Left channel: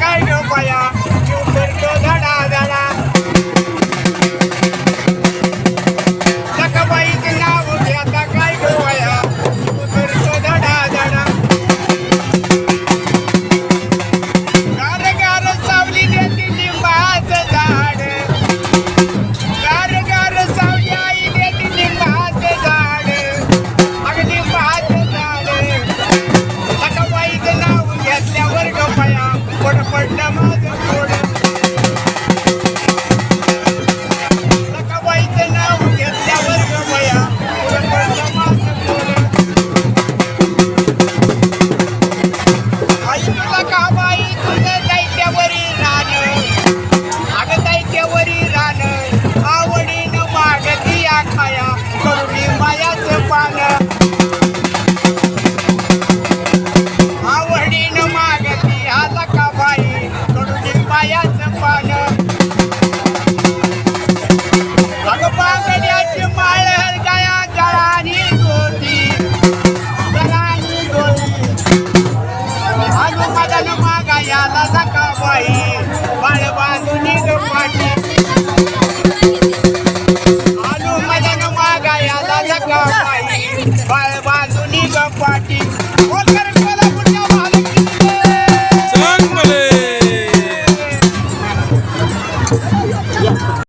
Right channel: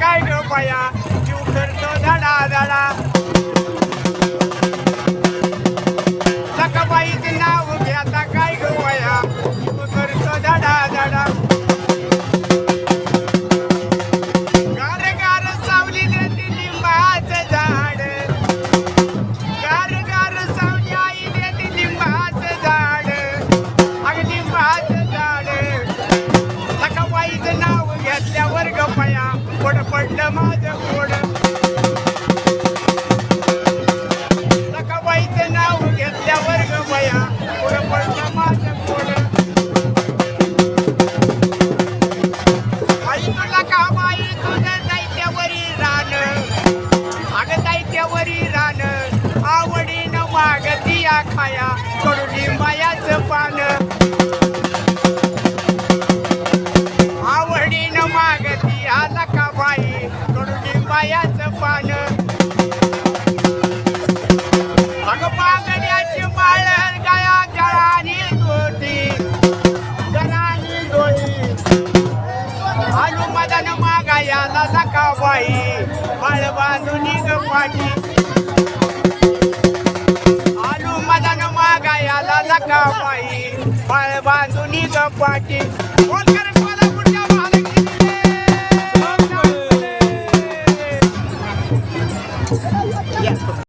काय ग बाया जीव करतो धडा धडा सखाबाईचं नाव घेता काय ग बाया जीव करतो धडा धडा गार गार सावली देती लिंबाचं झाड गार गार सावली आई देती लिंबाचं झाड अगं लिंबाचं झाड सखाबाईचं नाव घेतल्यावर ग बाया पड पडलं माझं पोड सखाबाईचं नाव घेतल्यावर ग बाया पड पडलं माझं पोड आई तुला का बाई तुझं दैत्यावरी रान अगं दैत्यावरी रान आवडीनं मागती खाया करुणी मायाचं पान आवडीनं मागती आला का बाई करुणी मायाचं पान अगं बांगड्याची माळ गाया जळानी गोटी जळानी गोटी आजू मदन मागायाला नका बाई